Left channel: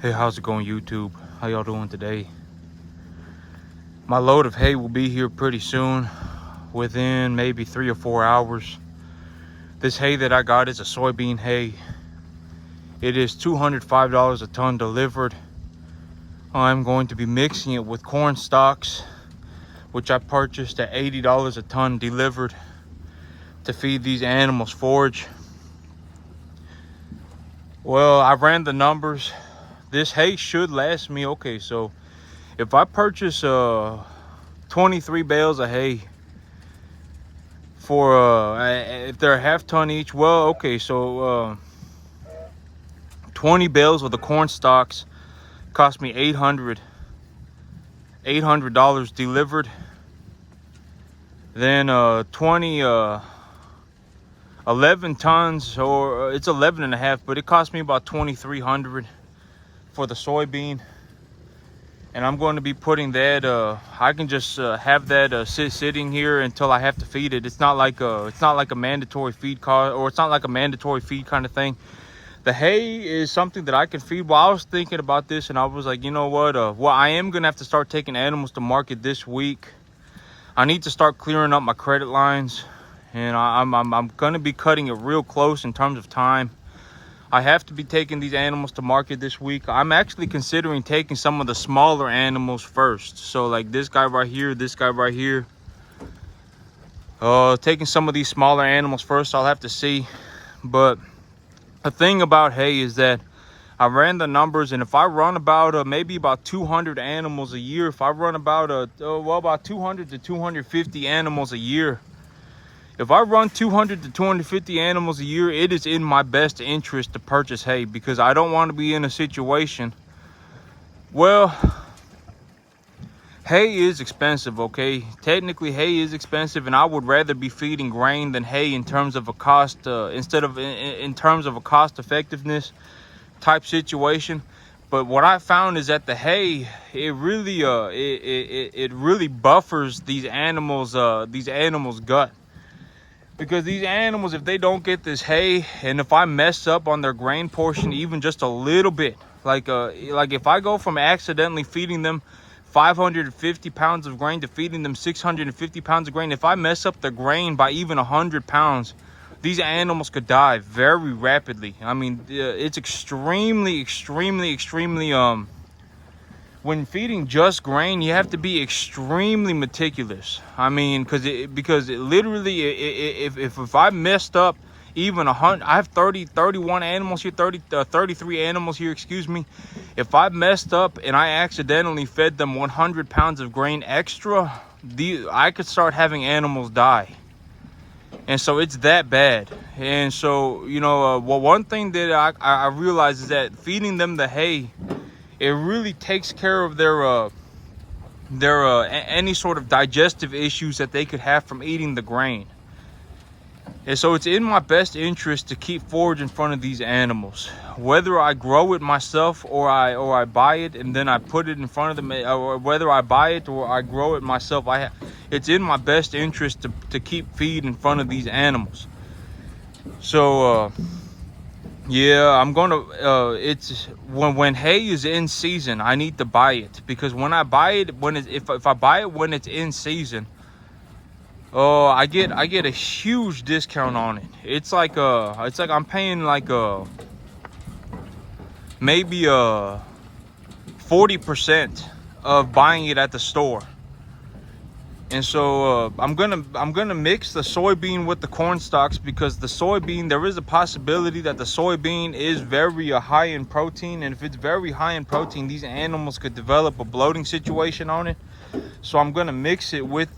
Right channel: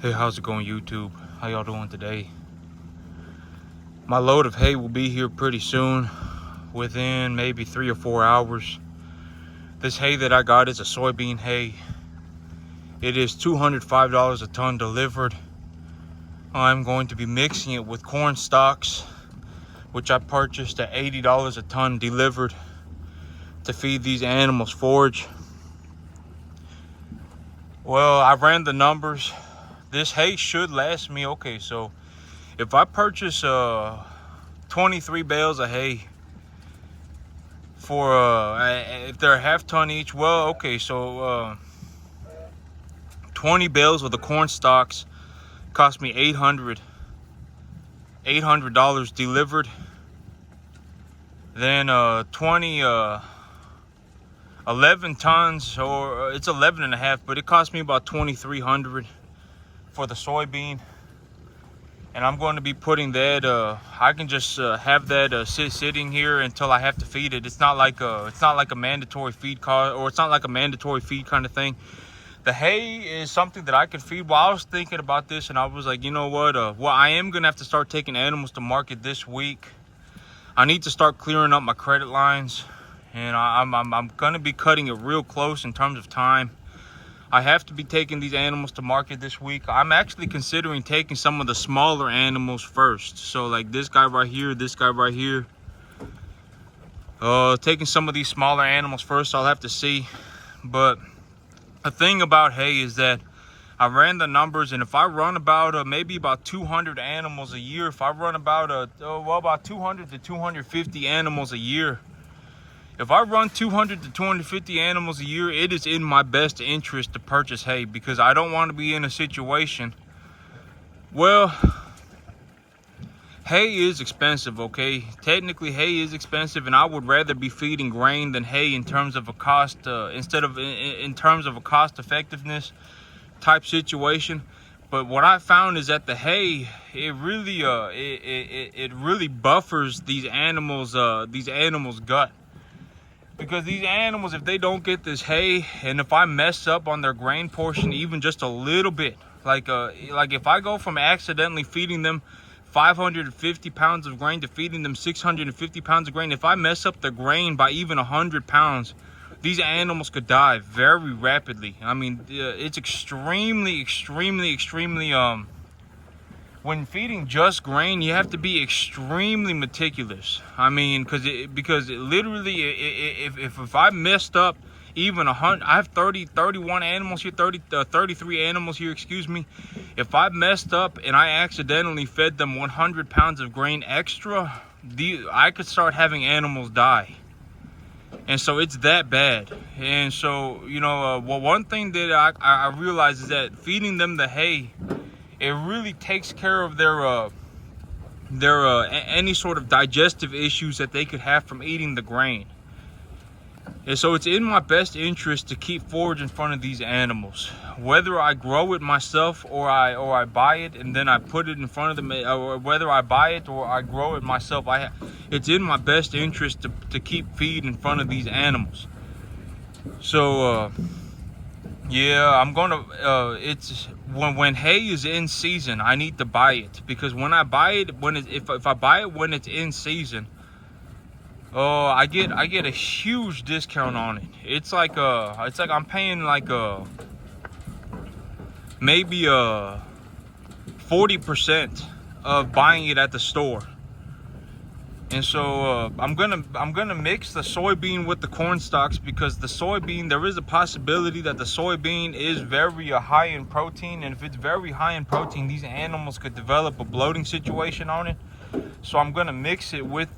Hey, how's it going, YouTube? How y'all doing today? My load of hay will be here pretty soon, within maybe 3 or 4 hours. This hay that I got is a soybean hay. It is $205 a ton delivered. I'm going to be mixing it with corn stalks, which I purchased at $80 a ton delivered to feed these animals forage. Well, I ran the numbers. This hay should last me, okay, so if I purchase 23 bales of hay for if they're a half ton each, well, okay, so 20 bales of the corn stalks cost me $800 delivered. Then 11 tons, or it's 11 and a half, but it cost me about $2,300 for the soybean. And I'm going to be putting that, I can just have that sitting here until I have to feed it. It's not like a mandatory feed cost, or it's not like a mandatory feed kind of thing. The hay is something that I can feed. Well, I was thinking about this and I was like, you know what, well, I am gonna have to start taking animals to market this week. I need to start clearing up my credit lines, and I'm gonna be cutting it real close in terms of time. I have to be taking these animals to market this week. I'm actually considering taking some of the smaller animals first. So like this guy right here, this guy right here. Taking some of these smaller animals first, I'll have to see. But the thing about hay is that I ran the numbers, and if I run about maybe about 200 animals a year, if I run about about 200 to 250 animals a year, if I run 200 to 250 animals a year, it is in my best interest to purchase hay, because I don't want to be in a situation. Well, hay is expensive, okay? Technically, hay is expensive, and I would rather be feeding grain than hay in terms of a cost, in terms of a cost effectiveness type situation. But what I found is that the hay, it really it really buffers these animals gut. Because these animals, if they don't get this hay, and if I mess up on their grain portion even just a little bit, like if I go from accidentally feeding them 550 pounds of grain to feeding them 650 pounds of grain, if I mess up the grain by even 100 pounds, these animals could die very rapidly. I mean, it's extremely when feeding just grain, you have to be extremely meticulous. I mean, because it literally, if I messed up even 100, I have 31 animals here, 33 animals here, excuse me. If I messed up and I accidentally fed them 100 pounds of grain extra, I could start having animals die. And so it's that bad. And so, you know, well, one thing that I realized is that feeding them the hay, it really takes care of their any sort of digestive issues that they could have from eating the grain. And so it's in my best interest to keep forage in front of these animals, whether I grow it myself or I buy it and then I put it in front of them, or whether I buy it or I grow it myself. It's in my best interest to keep feed in front of these animals. So yeah, I'm gonna it's when hay is in season, I need to buy it, because when I buy it, if I buy it when it's in season, I get a huge discount on it. It's like I'm paying like maybe 40% of buying it at the store. And so I'm gonna mix the soybean with the corn stalks, because the soybean, there is a possibility that the soybean is very high in protein, and if it's very high in protein, these animals could develop a bloating situation on it. So I'm gonna mix it with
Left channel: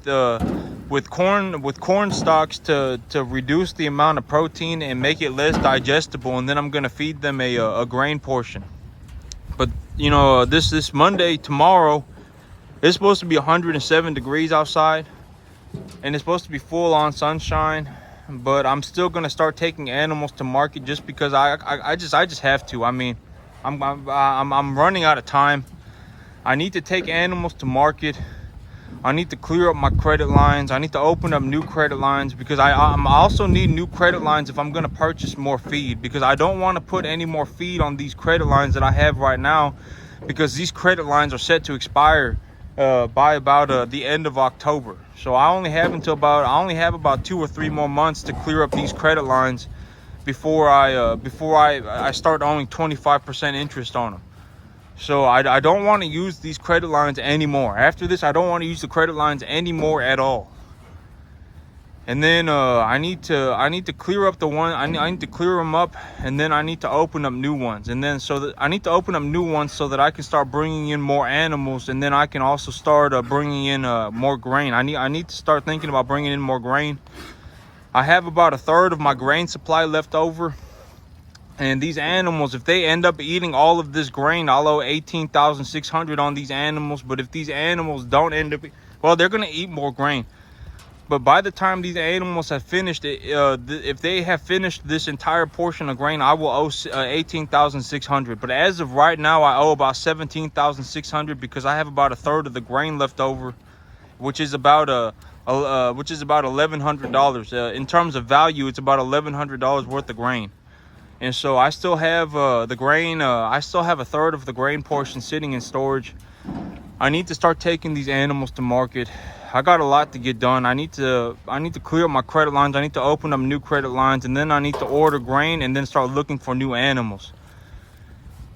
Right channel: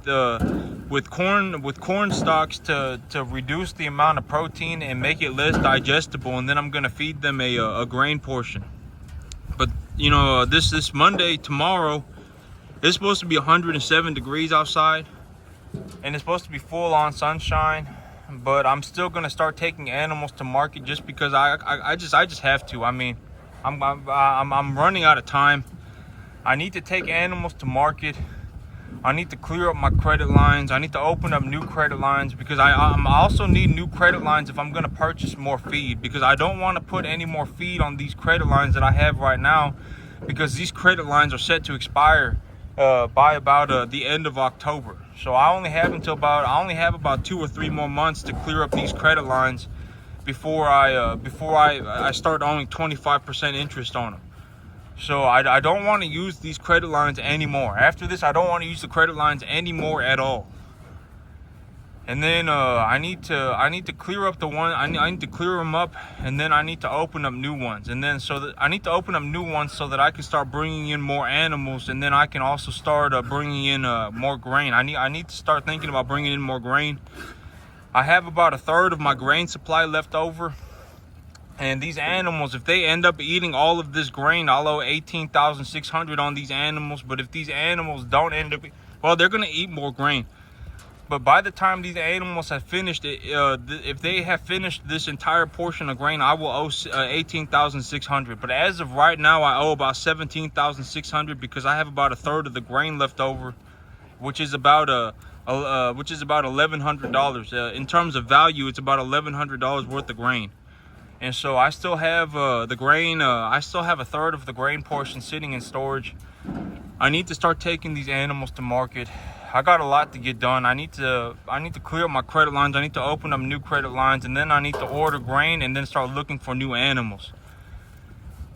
corn stalks to reduce the amount of protein and make it less digestible, and then I'm gonna feed them a grain portion. But you know, this Monday, tomorrow, it's supposed to be 107 degrees outside, and it's supposed to be full on sunshine. But I'm still gonna start taking animals to market, just because I just have to. I mean, I'm running out of time. I need to take animals to market. I need to clear up my credit lines. I need to open up new credit lines because I also need new credit lines if I'm going to purchase more feed, because I don't want to put any more feed on these credit lines that I have right now, because these credit lines are set to expire by about the end of October. So I only have about 2 or 3 more months to clear up these credit lines before I start owing 25% interest on them. So I don't want to use these credit lines anymore. After this, I don't want to use the credit lines anymore at all. And then I need to clear up the one. I need to clear them up, and then I need to open up new ones. And then I need to open up new ones so that I can start bringing in more animals, and then I can also start bringing in more grain. I need to start thinking about bringing in more grain. I have about 1/3 of my grain supply left over. And these animals, if they end up eating all of this grain, I'll owe $18,600 on these animals. But if these animals don't end up, well, they're gonna eat more grain. But by the time these animals have finished it, if they have finished this entire portion of grain, I will owe $18,600. But as of right now, I owe about $17,600 because I have about 1/3 of the grain left over, which is about $1,100. In terms of value, it's about $1,100 worth of grain. And so I still have the grain. I still have 1/3 of the grain portion sitting in storage. I need to start taking these animals to market. I got a lot to get done. I need to clear up my credit lines. I need to open up new credit lines, and then I need to order grain and then start looking for new animals.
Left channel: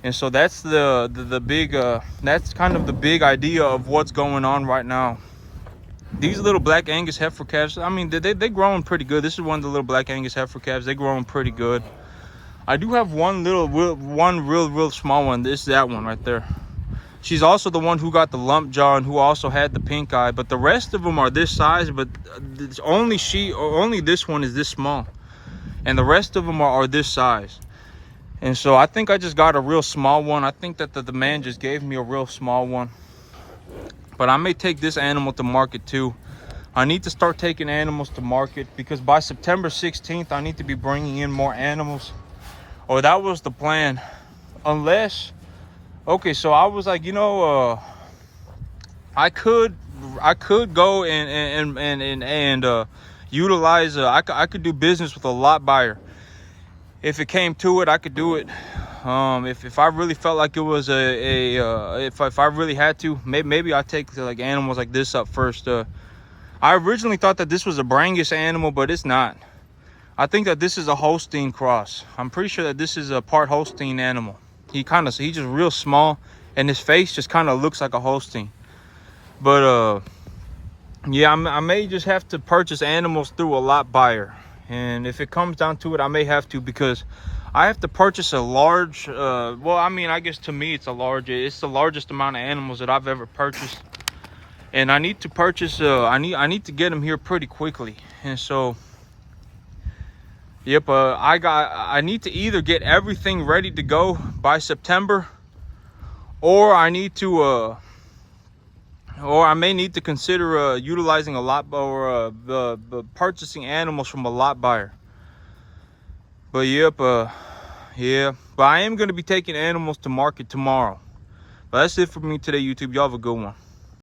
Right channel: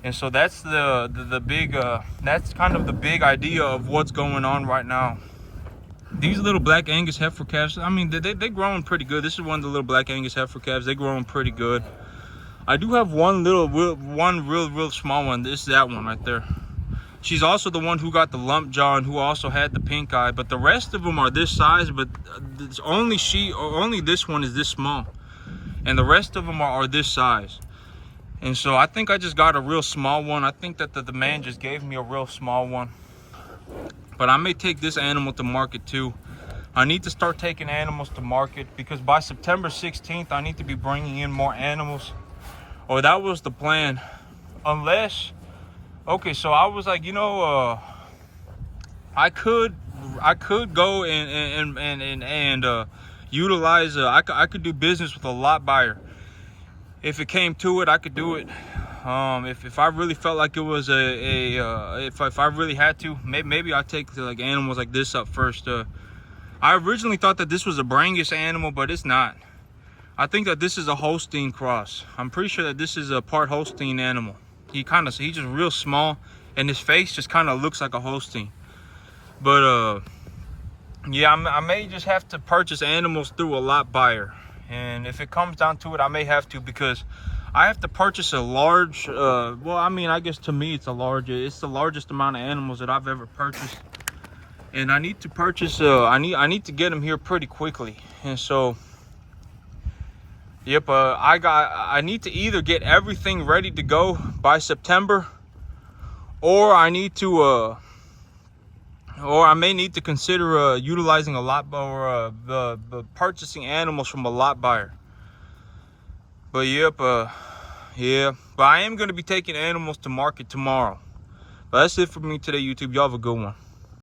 And so that's the big that's kind of the big idea of what's going on right now. These little black Angus heifer calves, I mean, they're growing pretty good. This is one of the little black Angus heifer calves. They're growing pretty good. I do have one real small one. This is that one right there. She's also the one who got the lump jaw and who also had the pink eye. But the rest of them are this size. But it's only this one is this small, and the rest of them are this size. And so I think I just got a real small one. I think that the man just gave me a real small one. But I may take this animal to market too. I need to start taking animals to market because by September 16th, I need to be bringing in more animals. Or that was the plan. Unless, okay, so I was like, you know, I could go and utilize. I could do business with a lot buyer. If it came to it, I could do it. If I really felt like it was if I really had to, maybe I'll take like animals like this up first. I originally thought that this was a Brangus animal, but it's not. I think that this is a Holstein cross. I'm pretty sure that this is a part Holstein animal. He's just real small, and his face just kind of looks like a Holstein. But yeah, I may just have to purchase animals through a lot buyer, and if it comes down to it, I may have to, because I have to purchase a large. Well, I mean, I guess to me it's it's the largest amount of animals that I've ever purchased, and I need to purchase. I need to get them here pretty quickly, and so. Yep, I need to either get everything ready to go by September, or I may need to consider utilizing a lot, or purchasing animals from a lot buyer. But yep, yeah, but I am going to be taking animals to market tomorrow. But that's it for me today, YouTube. Y'all have a good one.